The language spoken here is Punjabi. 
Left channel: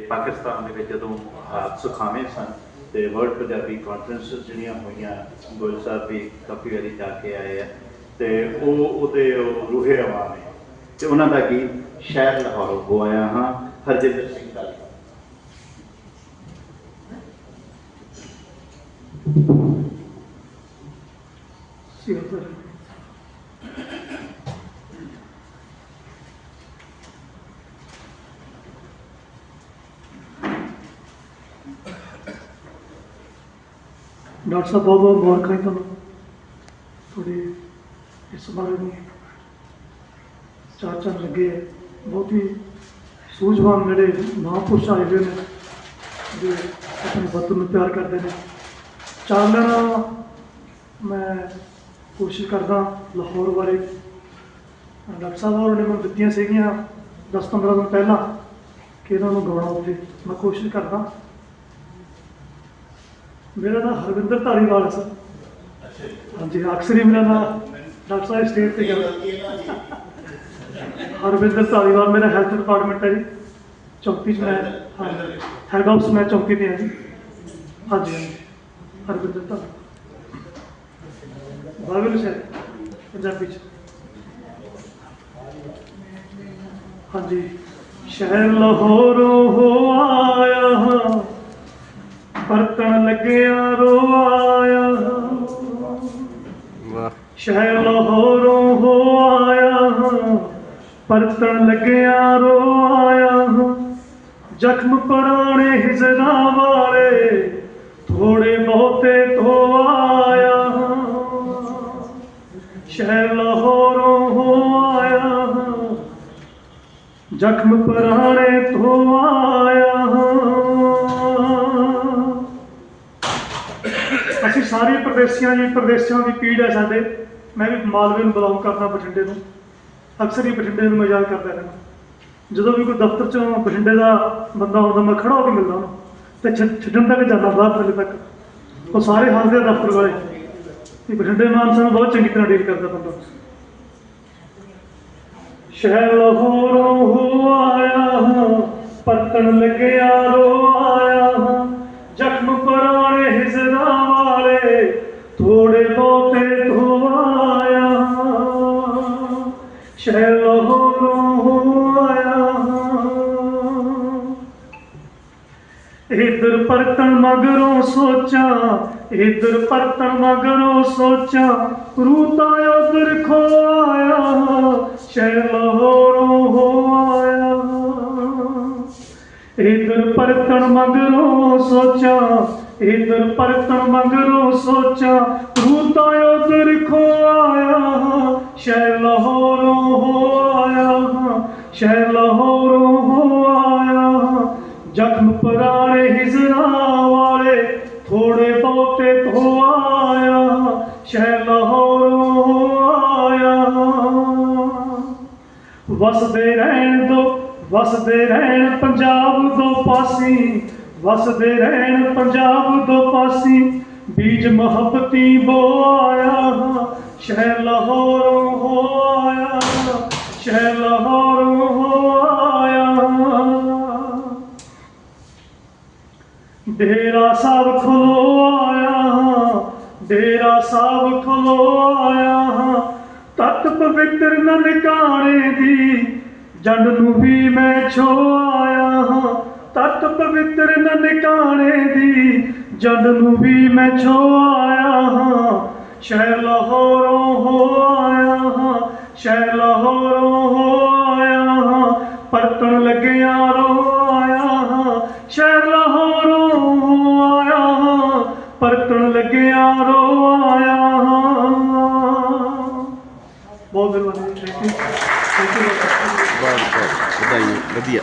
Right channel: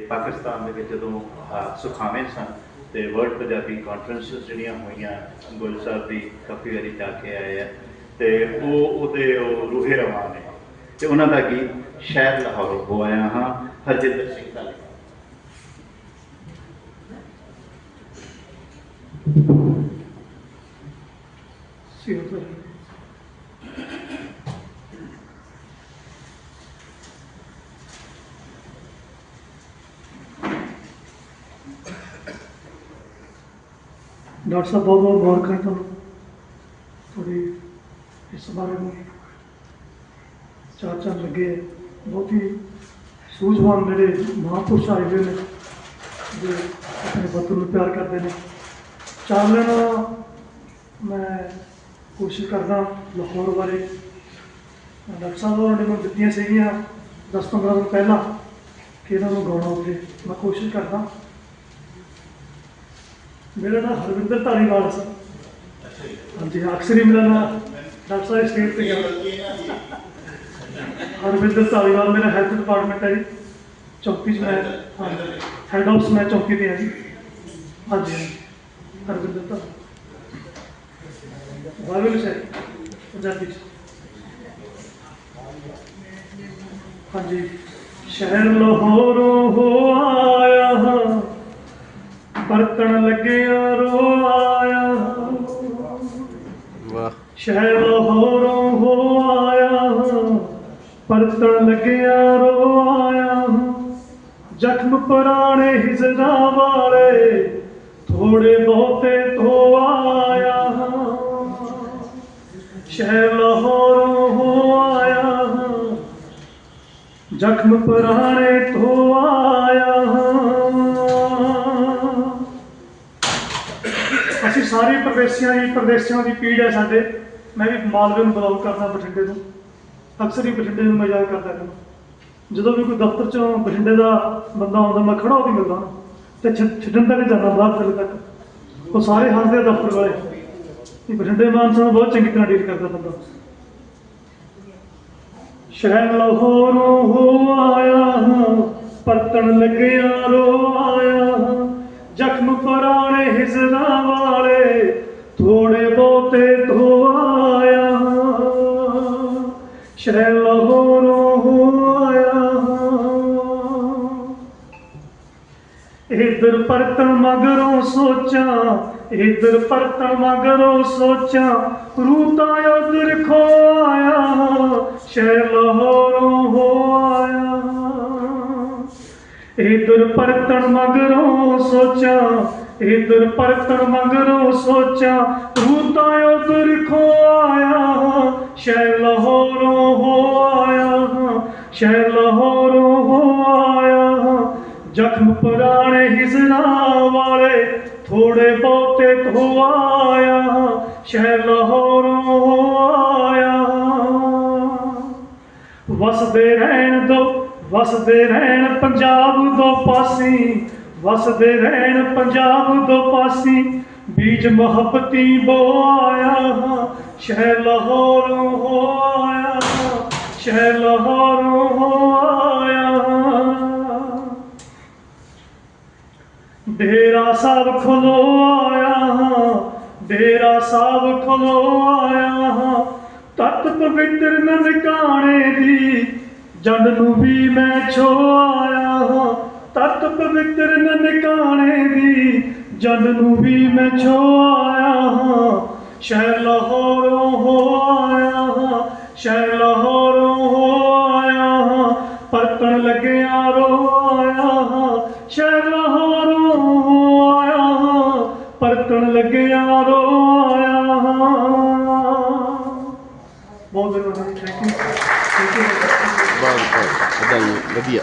ਪਾਕਿਸਤਾਨ ਦੇ ਵਿੱਚ ਜਦੋਂ ਹਾਲਾਤ ਸੁਖਾਵੇਂ ਸਨ ਤੇ ਵਰਲਡ ਪੰਜਾਬੀ ਕਾਨਫਰੰਸਿਸ ਜਿਹੜੀਆਂ ਹੋਈਆਂ, ਗੁਰੂ ਸਾਹਿਬ ਵੀ ਕਾਫੀ ਵਾਰੀ ਜਾ ਕੇ ਆਏ ਆ ਤੇ ਉਹ ਉਹਦੇ ਰੂਹੇ ਰਵਾਂ ਨੇ। ਤੇ ਉਹਨਾਂ ਦਾ ਗੀਤ ਸ਼ਹਿਰ ਲਾਹੌਰ ਹੋ ਆਇਆ ਹਾਂ, ਹਰਜਿੰਦਰ ਸਿੰਘ ਧਾਲੀਵਾਲ। ਸਿਰਫ ਡਾਕਟਰ ਸਾਹਿਬ, ਬਹੁਤ ਬਹੁਤ ਮੁਬਾਰਕਾਂ ਜੀ ਤੁਹਾਨੂੰ ਤੁਹਾਡੀ ਇਸ ਬਾਰੇ ਨੂੰ ਚਾਰ ਚਾਰ ਲੱਗੇ ਬਹੁਤ ਹੀ ਸੂਝਵਾਨ ਜਿਹੜੇ ਮਹਾਂਪੁਰਸ਼ ਆਏ ਹੋਏ ਨੇ, ਜੋ ਆਪਣੇ ਵਤਨ ਨੂੰ ਪਿਆਰ ਕਰਦੇ ਨੇ। ਚਾਨਣ ਮੈਂ ਕੋਸ਼ਿਸ਼ ਕਰਦਾ ਲਾਹੌਰ ਬਾਰੇ। ਡਾਕਟਰ ਸਾਹਿਬ ਹੋਰਾਂ ਨੇ ਮੈਨੂੰ ਦਿੱਤੀਆਂ ਸੀਗੀਆਂ 10-15 ਦਿਨ ਪਹਿਲਾਂ ਕਿ ਇਹਨਾਂ ਨੂੰ ਗਾਉਣਾ ਉੱਤੇ ਮੈਂ ਕੋਸ਼ਿਸ਼ ਕਰਦਾ ਮੇਰਾ ਨਾਮ ਹਰਵਿੰਦਰ ਧਾਲੀਵਾਲ ਸੀ। ਹਾਂਜੀ ਅਕਸਰ ਹੀ ਮੇਰਾ ਨਾਮ ਡਾਕਟਰ ਸਾਹਿਬ ਸਟੇਜ ਤੇ ਗਿਆ। ਹਰਵਿੰਦਰ ਧਾਲੀਵਾਲ ਮੇਰਾ ਹੈਲਥ ਡਿਪਾਰਟਮੈਂਟ ਹੈ ਜੀ। ਚੌਕੀ 'ਚ ਮੈਂ ਹੈਡ ਆਫਿਸ ਮੈਂ ਚੌਕੀ ਤੇ ਹਾਂ ਜੀ। ਹਾਂਜੀ। ਹਰਵਿੰਦਰ ਧਾਲੀਵਾਲ। ਬਾਗਲ ਸਰ ਪੰਜਾਬੀ ਚ। ਹਾਂਜੀ ਸ਼ਹਿਰ ਲਾਹੌਰੋਂ ਹੋ ਆਇਆ ਪਰਤਣ ਲੱਗਿਆ ਰੋ ਆਇਆ। ਹਾਂ ਵਾਹ। ਸ਼ਹਿਰ ਲਾਹੌਰੋਂ ਹੋ ਆਇਆ। ਹਾਂ ਪਰਤਣ ਲੱਗਿਆ ਰੋ ਆਇਆ। ਹਾਂ ਜ਼ਖਮ ਪੁਰਾਣੇ ਹਿਜਰਾ ਵਾਲੇ ਥੋੜੇ ਬਹੁਤੇ ਧੋ ਆਇਆ। ਹਾਂ ਸ਼ਹਿਰ ਲਾਹੌਰੋਂ ਹੋ ਆਇਆ। ਹਾਂ ਜ਼ਖਮ ਪੁਰਾਣੇ ਧੋ ਆਇਆ। ਅਸੀਂ ਸਾਰੇ ਪ੍ਰਦੇਸ਼ੀਆਂ ਦੀ ਪ੍ਰਦੇਸ਼ਾਂ ਦੀ ਪੀੜ ਹੈ ਸਾਡੇ। ਮੈਂ ਵੀ ਮਾਲਵੇ ਨੂੰ ਬਿਲੋਂਗ ਕਰਦਾ ਬਠਿੰਡੇ ਤੋਂ। ਅਕਸਰ ਹੀ ਬਠਿੰਡੇ ਨੂੰ ਮੈਂ ਯਾਦ ਕਰਦਾ ਰਹਿੰਦਾ। ਜਦੋਂ ਵੀ ਕੋਈ ਦਫ਼ਤਰ ਚੋਂ ਬਠਿੰਡੇ ਦਾ ਬੰਦਾ ਆਉਂਦਾ, ਮੈਂ ਖੜਾ ਹੋ ਕੇ ਮਿਲਦਾ ਉਹਨੂੰ। ਤੇ ਛੱਡਣ ਤੱਕ ਜਾਂਦਾ, ਬਾਅਦ ਵੇਲੇ ਤੱਕ। ਉਹ ਸਾਰੇ ਹੱਸਦੇ ਆ ਦਫ਼ਤਰ ਵਾਲੇ। ਕਿ ਬਠਿੰਡੇ ਮਾਨਸਾ ਨੂੰ ਬਹੁਤ ਚੰਗੀ ਤਰ੍ਹਾਂ ਡੀਲ ਕਰਦਾ ਬੰਦਾ। ਸ਼ਹਿਰ ਲਾਹੌਰੋਂ ਹੋ ਆਇਆ ਹਾਂ, ਪਰਤਣ ਲੱਗਿਆ ਰੋ ਆਇਆ ਹਾਂ। ਜ਼ਖਮ ਪੁਰਾਣੇ ਹਿਜਰਾ ਸ਼ਹਿਰ ਲਾਹੌਰੋਂ ਹੋ। ਆਇਆ ਇਧਰ ਪਰਤਣ ਮਗਰੋਂ ਸੋਚਾਂ, ਇਧਰ ਪਰਤਣ ਮਗਰੋਂ ਸੋਚਾਂ, ਰੂਤਾ ਉਧਰ ਖੋ ਆਇਆ ਸ਼ਹਿਰ ਲਾਹੌਰੋਂ ਹੋ ਇਧਰ ਪਰਤਣ ਮਗਰੋਂ ਸੋਚਾਂ, ਇਧਰ ਪਰਤਣ ਮਗਰੋਂ ਸੋਚਾਂ, ਰੂਤਾ ਉਧਰ ਖੋ ਆਇਆ ਸ਼ਹਿਰ ਲਾਹੌਰੋਂ ਹੋ ਸ਼ਹਿਰ ਲਾਹੌਰੋਂ ਹੋ ਆਇਆ ਜ਼ਖਮ ਪੁਰਾਣੇ ਹਿਜਰਾ ਵਾਲੇ ਥੋੜੇ ਬਹੁਤੇ ਧੋ ਆਇਆ ਸ਼ਹਿਰ ਲਾਹੌਰੋਂ ਹੋ ਆਇਆ ਵਸਦੇ ਰਹਿਣ ਦੋ, ਵਸਦੇ ਰਹਿਣ ਪੰਜਾਬ ਦੋ ਪਾਸੀ। ਵਸਦੇ ਰਹਿਣ ਪੰਜਾਬ ਦੋ ਪਾਸੀ। ਬੀਜ ਮੁਹੱਬਤੀ ਬੋ ਆਇਆ ਸ਼ਹਿਰ ਲਾਹੌਰੋਂ ਹੋ ਆਇਆ ਸ਼ਹਿਰ ਲਾਹੌਰੋਂ ਸਾਹਿਬ ਖਲੋ ਆਇਆ ਹਾਂ, ਡੇਰਾ ਸਾਹਿਬ ਖਲੋ ਆਇਆ ਹਾਂ। ਤਤ ਪਵਿੱਤਰ ਨਨਕਾਣੇ ਦੀ ਜੰਡ ਨੂੰ ਵੀ ਮੈਂ ਛੋ ਆਇਆ ਹਾਂ। ਤਤ ਪਵਿੱਤਰ ਨਨਕਾਣੇ ਦੀ ਜਨ ਨੂੰ ਵੀ ਮੈਂ ਛੋ ਆਇਆ ਹਾਂ। ਸ਼ਹਿਰ ਲਾਹੌਰੋਂ ਹੋ ਆਇਆ ਹਾਂ, ਸ਼ਹਿਰ ਲਾਹੌਰੋਂ ਹੋ ਆਇਆ ਹਾਂ। ਪਰਤਣ ਲੱਗਿਆ ਰੋ ਪਰਤਣ ਲੱਗਿਆ ਰੋਇਆ ਬਹੁਤ ਬਹੁਤ ਥੈਂਕ ਯੂ ਥੈਂਕ ਯੂ ਬਹੁਤ ਬਹੁਤ ਵਧਾਈ ਵਧੀਆ।